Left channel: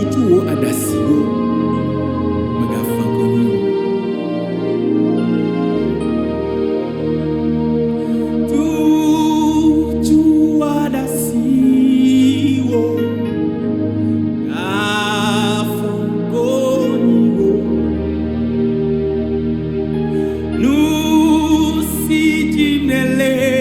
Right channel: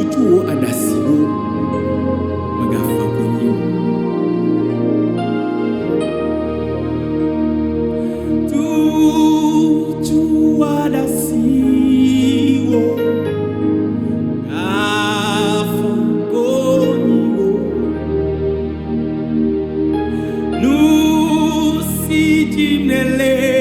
tutu wo adasiwo magafa konyo tutu adasiwo gafa konyo nusi jimnelela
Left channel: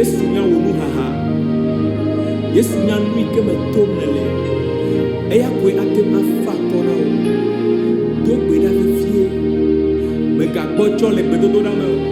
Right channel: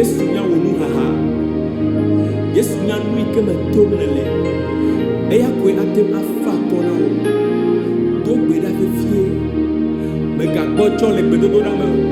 Yesu nya wonu haha Yesu nya nui keme tom lele eya koe atem afa kona o do gbe da fefie me gagbo tso le gbedodo da me o